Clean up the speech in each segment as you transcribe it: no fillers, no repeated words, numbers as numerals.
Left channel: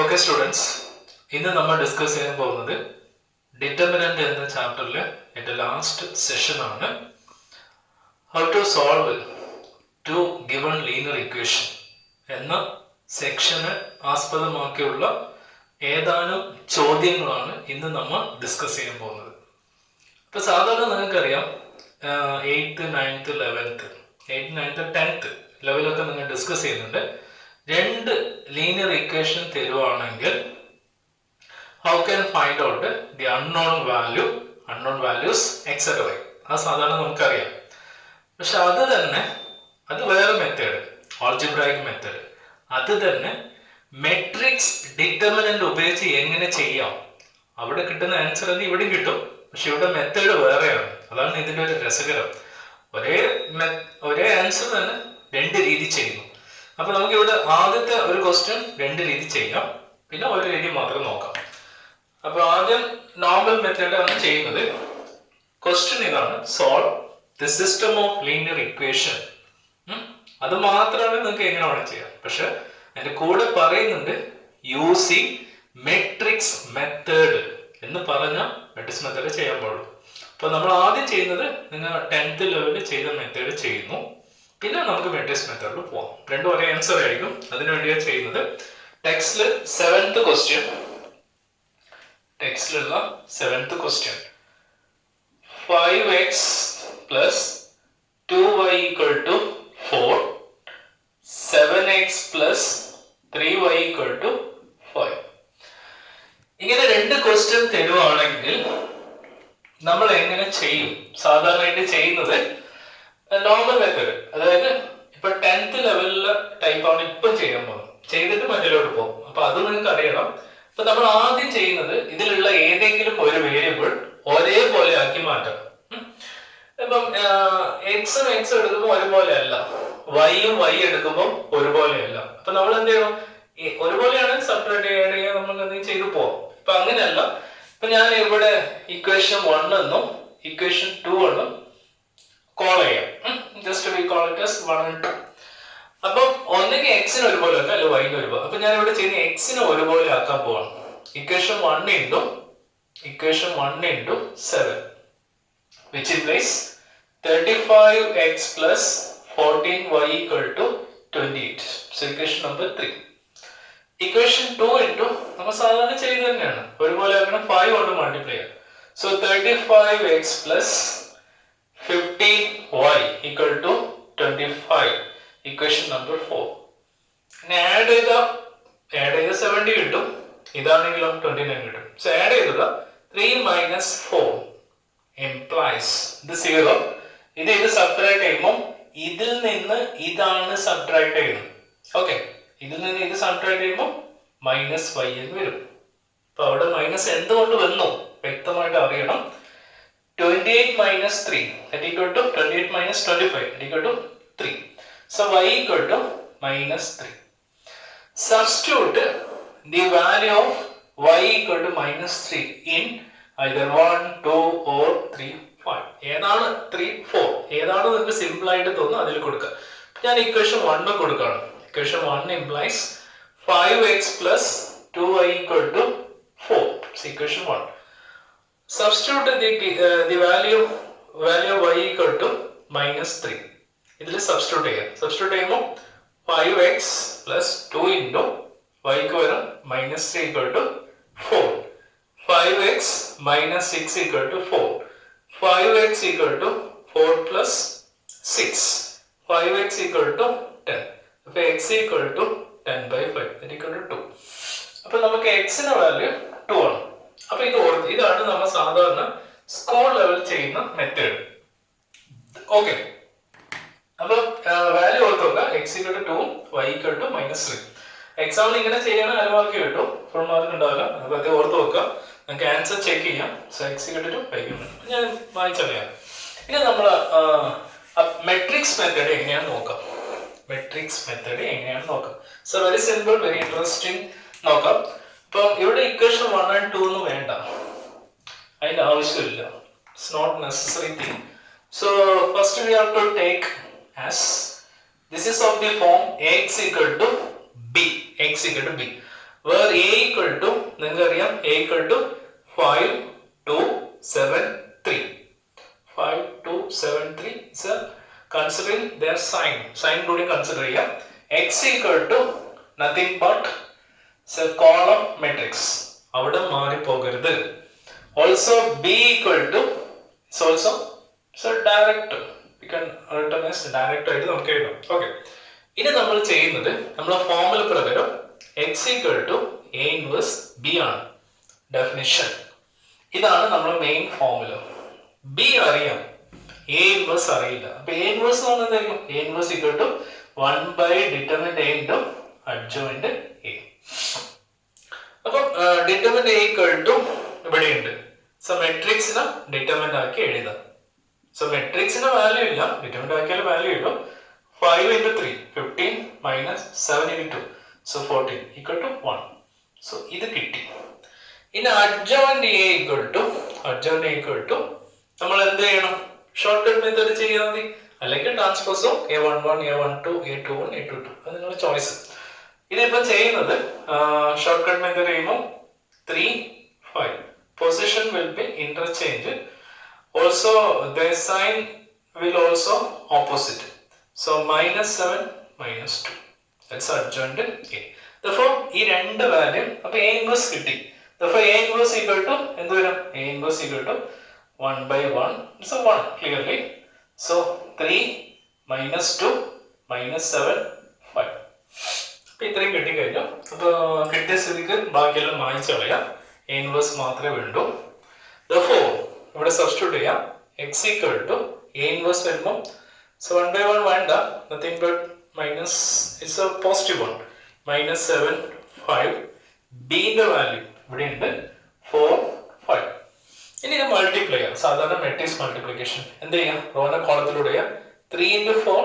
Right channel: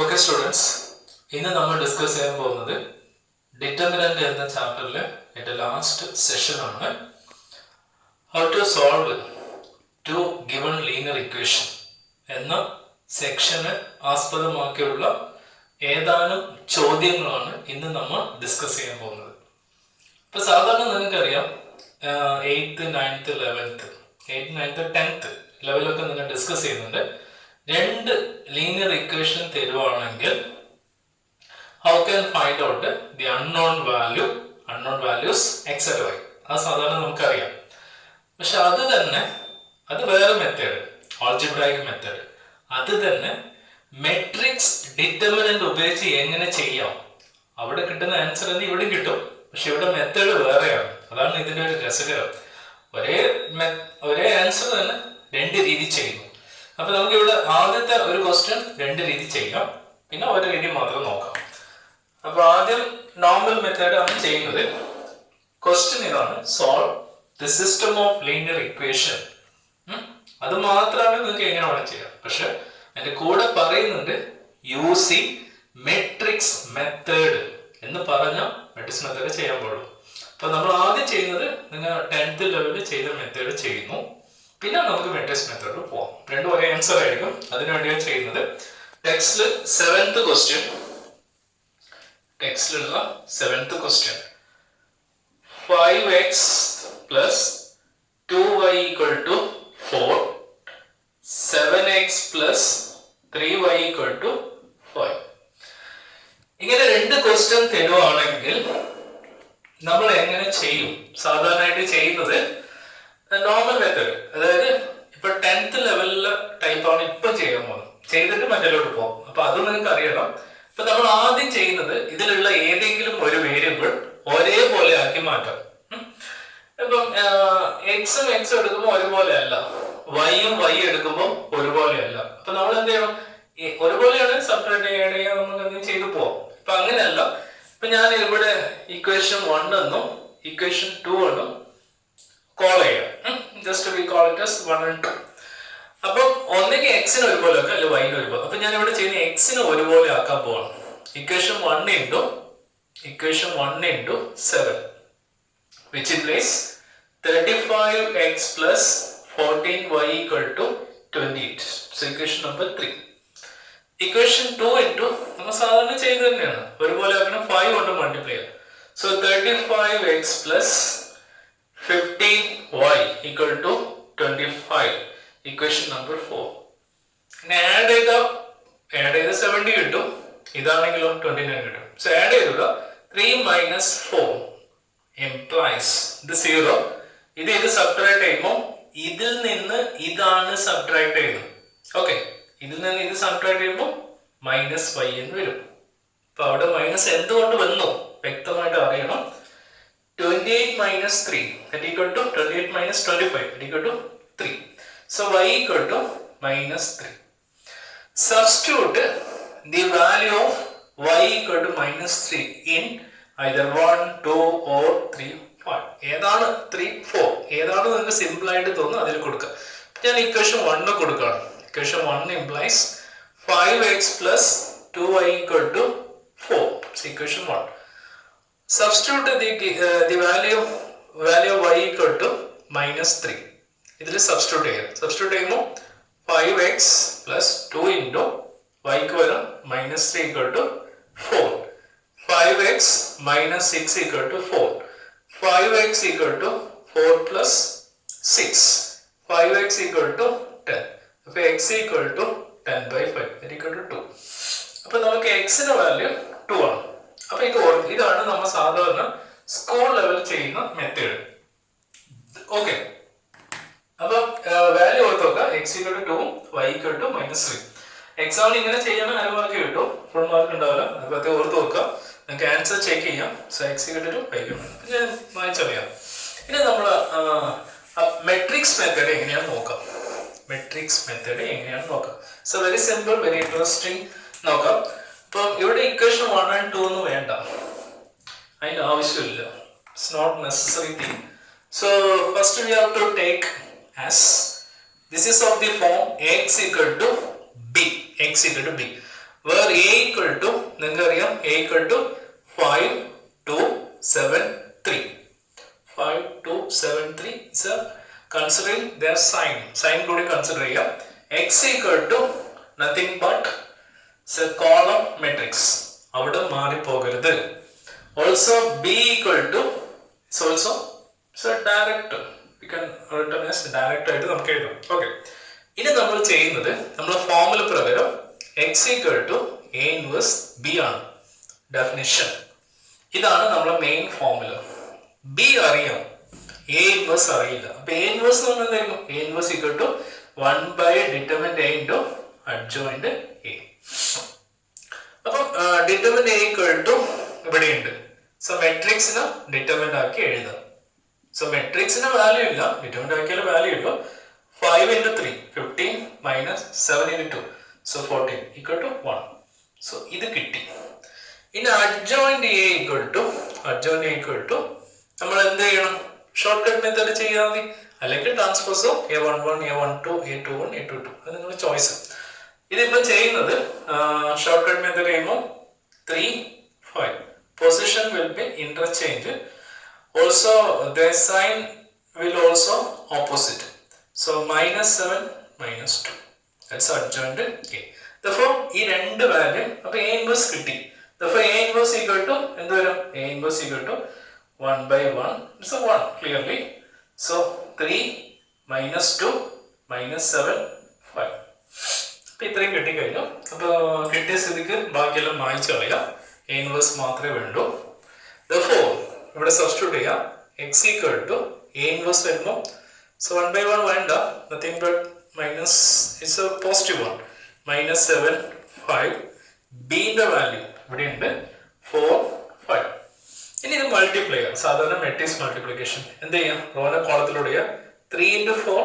Okay students, ഇന്ന് നമ്മൾ discuss ചെയ്യാൻ പോകുന്നത് ഡിറ്റർമിനന്റ് എന്ന ചാപ്റ്ററിലെ എൻ്റെ ലാസ്റ്റ് സെഷൻ ആണ്. How to solve to given linear equation എന്ന സെക്ഷനെ ആസ്പദമാക്കിയുള്ള ഏതാനും ചോദ്യങ്ങളാണ് ഇന്ന് നമ്മൾ ഡിസ്കസ് ചെയ്യാൻ പോകുന്നത്. ഇപ്പോൾ സാധാരണ നിങ്ങൾക്കറിയാം 8th, 9th, 11th, 8th, 9th, 10th ലെവലൊക്കെ നിങ്ങൾ ഡിസ്കസ് ചെയ്യുന്നുണ്ട്. രണ്ട് ലീനിയർ ഇക്വേഷൻ തരുവാണെങ്കിൽ how can find out the unknown values etc. അത് സാധാരണ നമുക്കറിയാം. പക്ഷെ അത് വേറെ മെത്തേഡ്, ആൾജിബ്രായിക് മെത്തേഡ്. അത് തന്നെ മെട്രിക്സ് ഡിറ്റർമിനന്റ് ഉപയോഗിച്ച് എങ്ങനെ ചെയ്യാം. അവിടെ കിട്ടുന്ന ആൻസർ തന്നെ ഇവിടെയും കിട്ടും, പക്ഷെ ഇവിടെ മെത്തേഡ് വേറെയാണ്. അതാണ് ഇതിൻ്റെ ഒരു രസകരം. ഒരേ ആൻസർ തന്നെ രണ്ട് രീതി ചെയ്യുന്നു. അപ്പൊ നമുക്ക് ഇവിടെ ആദ്യത്തെ ഒരു ക്വസ്റ്റ്യൻ രണ്ട് രീതി ചെയ്യാം, പിന്നെ ഒരു രീതി മാത്രം നോക്കാം. അപ്പൊ ആദ്യം നോർമൽ മെത്തേഡ് ആണ് ചെയ്യുന്നത്. ക്വസ്റ്റ്യൻ ഇതാണ്: solve the system of linear equation. അത് മാത്രമാണ് നിങ്ങൾക്ക് എങ്ങനെ വേണം ചെയ്യാം. പക്ഷെ അതിന്റെ കൂടെ പറയുന്നുണ്ട് യൂസിങ് മെട്രിക്സ് മെത്തേഡ് എന്ന് പറഞ്ഞ മെട്രിക്സ് മെത്തേഡ് ചെയ്യാൻ പാടുള്ളൂ. അപ്പൊ നമ്മൾ ആദ്യം ചെയ്യുന്നത് നിങ്ങൾ 10th ലെവലിൽ ചെയ്ത മെത്തേഡ് ചെയ്യുന്നു, പിന്നെ നമുക്ക് മെട്രിക്സ് മെത്തേഡിൽ പോവാം. രണ്ടും ഒരേ ആൻസർ ആയിരിക്കും. അതിനുവേണ്ടിയാണ് ചെയ്യുന്നത്. ടെക്സ്റ്റില് 7th ക്വസ്റ്റ്യൻ, ടെക്സ്റ്റിലുള്ള 7th question: 5x plus 2y equal to 4, 7x plus 3y equal to 5. ഇങ്ങനെ രണ്ട് ക്വസ്റ്റ്യൻ തരുവാണെങ്കിൽ നമ്മൾ എങ്ങനെ ചെയ്യും? സാധാരണയായിട്ട് ചെയ്യുന്നത് നോർമൽ മെത്തേഡ്, അതായത് ഇപ്പൊ 10th ലെവലിലെ ടൈപ്പാണ് ഇപ്പം ചെയ്യാൻ പോകുന്നത്. ചെയ്തിട്ട് മറ്റേലോട്ട് പോകും. അപ്പൊ അത് നിങ്ങൾക്ക് അറിയണം. ഇപ്പൊ നമ്മൾ ആദ്യം ചെയ്യുന്നത് ഇതിലുള്ള ഏതെങ്കിലും ഒരു വേരിയബിൾ ഒരേപോലെ ആക്കി മാറ്റാം. ഇപ്പം എക്സും എക്സും എടുക്കുമ്പോൾ ഒരുപോലെ അല്ല, വൈയും വൈ എടുക്കുമ്പോൾ ഒരുപോലെ അല്ല. അപ്പൊ നമ്മൾ എന്ത് ചെയ്യണം? ഒരുപോലെയാണ് സെപ്പറേറ്റ് ചെയ്യാൻ നമുക്ക് എന്തെങ്കിലും ചെയ്തു പോവാം. ഇപ്പൊ അങ്ങനെയല്ല. ഇപ്പൊ ഞാൻ ഇവിടെ ഇക്വേഷൻ 1 എന്നും ഇക്വേഷൻ 2 എന്നും കോൾ ചെയ്യാം. Just we call it as 1 and 2. അപ്പം ഒന്നെങ്കിൽ എക്സിന് ഒരുപോലെ ആക്കാം, അല്ലെ വൈന് ഒരുപോലെ. അപ്പൊ ഞാൻ ഇവിടെ ചെയ്യുന്ന എക്സിന് ഒരുപോലെ ആക്കാൻ പോവാണ്. Equation 1 into 7 which implies 35x plus 14y equal to 28. So equation number 3. Equation 2 into നമ്മൾ സാധാരണ ചെയ്ത് തന്നെയാണ്, ഒരുപോലെ ആക്കണം, 5 കൊണ്ട് മൾട്ടിപ്ലൈ ചെയ്യാം. So 35x plus 15y equal to 25. Equation number 4. ഇനി ആഡ് ചെയ്ത 70 കിട്ടും, ഇതാണെങ്കിലോ 29 കിട്ടും. സോ ആഡ് ചെയ്തത് 3 minus 4 implies ഇത് 0. ഇത് സബ്ട്രാക്ട് ചെയ്യുമ്പോൾ ഇതിൽ നിന്ന് ഇതാണ് സബ്ട്രാക്ട് ചെയ്യുന്നത്. ഓക്കെ, ഇതിൽ നിന്ന് ഇത് സബ്ട്രാക്ട് ചെയ്യുമ്പോൾ -y എന്ന് വരും. അപ്പൊ അവിടെ മൈനസ് എന്തുകൊണ്ട് വന്നു വ്യക്തമായിട്ട് അറിയണം. 28 minus 3 that equal to 28 minus 25 that equal to 3. So y equal to -3. Substitute the value of y equal to -3 in either 1, 2 or 3, 5. ഏതാണ് 3, 4 ഏതാണ് നിങ്ങൾക്ക് സിമ്പിൾ ആയിട്ട് തോന്നുന്നു അതിൽ കൊടുക്കുക. ഞാൻ ഇക്വേഷൻ 1 കൊടുക്കുകയാണ്. Equation 1 implies 5x plus 2y equal to 4. So equation 1. Substitute the value of y equal to -3. ഇതിൽ സബ്സ്റ്റിറ്റ്യൂട്ട് ചെയ്യാം. സബ്സ്റ്റിറ്റ്യൂട്ട് ചെയ്യുമ്പോൾ 5x plus 2 into y ക്ക് വരും -3 equal to 4. 5x minus 6 equal to 4. 5x equal to 4 plus 6. 5x equal to 10. അപ്പൊ x equal to 10 by 5 that equal to 2. അപ്പൊ നമുക്ക് x ന്റെ value 2 ആണ്. അപ്പൊ ഇതാണ് നമ്മൾ സാധാരണ സ്കൂൾ ലെവൽ ചെയ്യുന്ന മെത്തേഡ്. ഓക്കെ, അപ്പൊ വാല്യൂ ഓർത്ത് നോക്കുക. x equal to 2, y equal to -3. എക്സാമിന് ഇങ്ങനെ ചെയ്യാൻ അരമാർക്ക് കിട്ടും, ഫുൾ മാർക്ക് ഉണ്ടാവില്ല. അതൊക്കെ ഓർത്ത് നോക്കുക. നിങ്ങൾക്ക് ആൻസർ ചെക്ക് ചെയ്യാം. So x equal to 2, y equal to 2. ഞാൻ വായിച്ചറിയാം. ഇനി നമ്മൾ മെട്രിക്സ് മെത്തേഡ് എങ്ങനെയാണെന്ന് നോക്കാം. So very simple, very interesting. നോക്കാം. ഇപ്പം ഇവിടെ ഇക്വേഷൻ 1 and 2 ഒന്നും വേണ്ട, അതിന് ആവശ്യമില്ല. It's not necessary thing. So first we have to take as this is of the form x equal to b. Where A equal to നിങ്ങൾക്കറിയാം A equal to 5 2 7 3 5 2 7 3 sir considering their sign കൂടി consider ചെയ്യാം. x equal to nothing but column matrix അവിടെ മാറിപ്പോകരുത്. Also B equal to also direct you can written as direct ആയിട്ട് നമുക്ക് എഴുതാം. Okay, ഇനി നമ്മൾ ചെയ്യുന്നത് നമ്മുടെ ഫോർമുല പ്രകാരം X equal to A inverse B ആണ് ഡെഫിനിഷൻ. ഇതാണ് നമ്മുടെ മെയിൻ ഫോർമുല. ബി അറിയാം, എ ഇൻവേഴ്സ് അറിയില്ല. അപ്പൊ എ ഇൻവേഴ്സ് എന്ന് പറഞ്ഞാൽ എന്തായിരിക്കും? A inverse equal to 1 determinant A into adjoint A. അപ്പം ഡിറ്റർമിനന്റ് എ ഈക്വൽ ടു ഇവിടെയുണ്ട്. സോ മെട്രിക്സിനെ ഡിറ്റർമിനന്റ് ആക്കി എഴുതാം. സോ മെട്രിക്സിന് വാല്യൂ ഇല്ല, ഡിറ്റർമിനന്റ് ആക്കിയാൽ വാല്യൂ ഇല്ല. 5 into 3 15 minus 7 into 2 so 14 equal to 1. So ഇത് കിട്ടി. ഇനി adjoint a equal to നമ്മൾ എന്ത് ചെയ്യണം? ഷോർട്ട് കട്ട് മെത്തേഡ് ചെയ്യാൻ മതി, അല്ലെങ്കിൽ ട്രാൻസ്പോസോ a11 a12 a21 a22 അത് നിങ്ങളുടെ ചോയ്സ്. ഇതിപ്പം ചെയ്യുന്നത് ഷോർട്ട് കട്ട് മെത്തേഡ് ചെയ്യുമ്പോൾ 3 5 position will be interchange. Also the sign will also opposite. So minus 7 minus 2. That's adjoint A. Therefore, ഈ രണ്ട് വാല്യൂ അപ്പോൾ A inverse കിട്ടി. Therefore, A inverse equal to എന്ത് വരും? A inverse equal to 1 by 1. It's a 1 clearly. So 3 minus 2 minus 7 5. അപ്പോൾ ഇത്രയും കിട്ടിക്കഴിഞ്ഞു. അപ്പോൾ കിട്ടിയ സ്ഥിതിക്ക് ബാക്കിയെല്ലാം മായ്ച്ചു കളയാം. A inverse മാത്രമേ വേണ്ടൂ. Therefore, ഇവിടെ സബ്സ്റ്റിറ്റ്യൂട്ട് ചെയ്യാം. X equal to A inverse വരുമ്പോൾ so 1 by 1 വേണ്ട, nothing but minus is a positive 1 minus 7 5. B ന്റെ വാല്യൂ ഇവിടെ ഉണ്ട് 4 5. ഇനി ഇത് മൾട്ടിപ്ലൈ ചെയ്യാം. സാധാരണ മെട്രിക്സ് മൾട്ടിപ്ലിക്കേഷൻ എന്ത് ചെയ്യാം? Rona കോളത്തിലൂടെ 3 into 4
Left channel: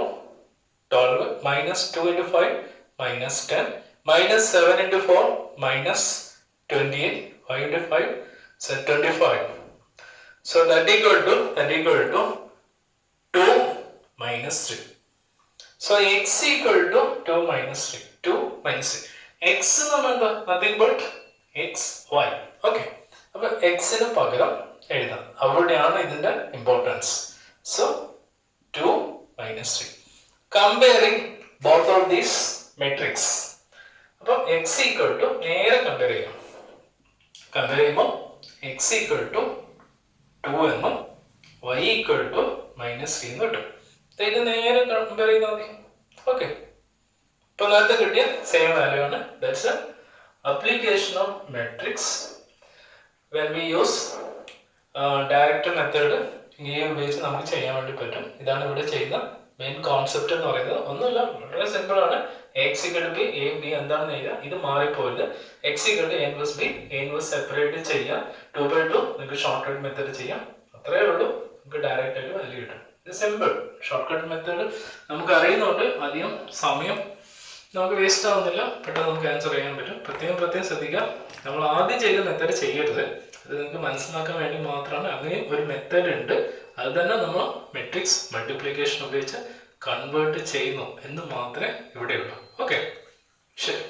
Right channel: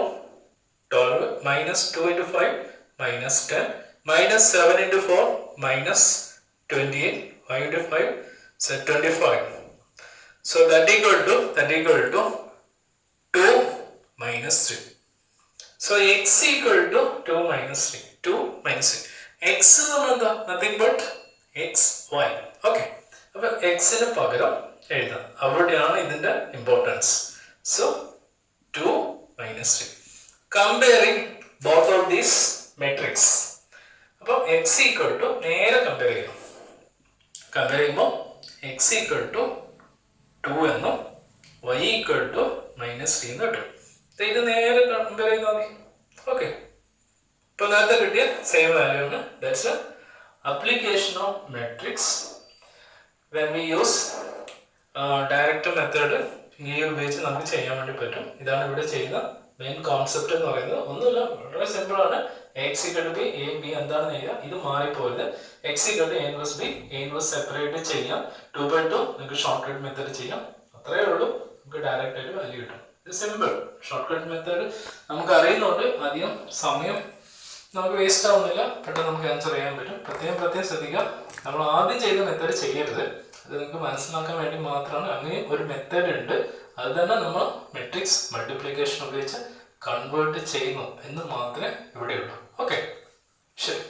12 minus 2 into 5 minus 10 minus 7 into 4 minus 28 5 into 5 so 25. So that equal to 2 minus 3. So x equal to 2 minus 3. 2 minus 3. X നമ്മൾ എന്താ? Nothing but x, y. Okay. അപ്പോൾ x ന് പകരം എഴുതാം. അവിടെയാണ് ഇതിന്റെ importance. So 2 minus 3. Comparing both of these matrix. അപ്പോൾ x equal to നേരെ കമ്പയർ ചെയ്യണം. കമ്പയർ ചെയ്യുമ്പോൾ x equal to 2 എന്നും y equal to minus 3 എന്ന് കിട്ടും. ഇത് നേരെ കമ്പയർ ചെയ്താൽ മതി. ഓക്കെ, ഇപ്പൊ നേരത്തെ കിട്ടിയ സെയിം വാല്യൂ ആണ്. That's A application of matrix when we use direct method. ഈ ഉപയോഗിച്ച് നമുക്ക് ചെയ്യാൻ വേണ്ടി പറ്റും. ഇതാണ് ഇവിടെ ചെയ്യുന്ന മെയിൻ കോൺസെപ്റ്റ് എന്ന് പറയുന്നത്. ഒന്നുമില്ല, വളരെ സിമ്പിൾ ആണ്. X equal to B, A B എന്താണെന്ന് എഴുതാം. ഇത് മാറിപ്പോയത് X equal to A inverse B, A inverse separate ചെയ്യാം. 2 by 2 നിങ്ങൾക്ക് ഷോർട്ട് കട്ട് മെത്തേഡ് ചെയ്യാം. അത്രേ ഉള്ളൂ, നമുക്ക് ഡയറക്റ്റ് ആയിട്ട് വാല്യൂ കിട്ടും. ഇത് സിമ്പിൾ ഷോർട്ട് കട്ട് മെത്തേഡ് നമുക്ക് അറിയുന്നതുകൊണ്ട് അധികം സമയം നമുക്ക് വേസ്റ്റ് ആവുന്നില്ല, പെട്ടെന്ന് നമുക്ക് ആൻസർ ചെയ്യാൻ പറ്റും. പ്രത്യേകം ശ്രദ്ധിക്കുക, നമ്മൾ ആദ്യം ചെയ്ത മെത്തേഡ് ചെയ്യരുത്. അത് നിങ്ങൾക്ക് മനസ്സിലാക്കാൻ വേണ്ടി മാത്രമാണ്. അങ്ങനെയും ഒരു മെത്തേഡ് ഉണ്ട്, അത് തന്നെ നമ്മൾ മെട്രിക്സ് മൾട്ടിപ്ലിക്കേഷൻ ഉപയോഗിച്ച് കൺവേർട്ട് ചെയ്യുന്നു എന്ന് മാത്രമേ ഇവിടെയുള്ളൂ. ഓക്കെ, ശരി.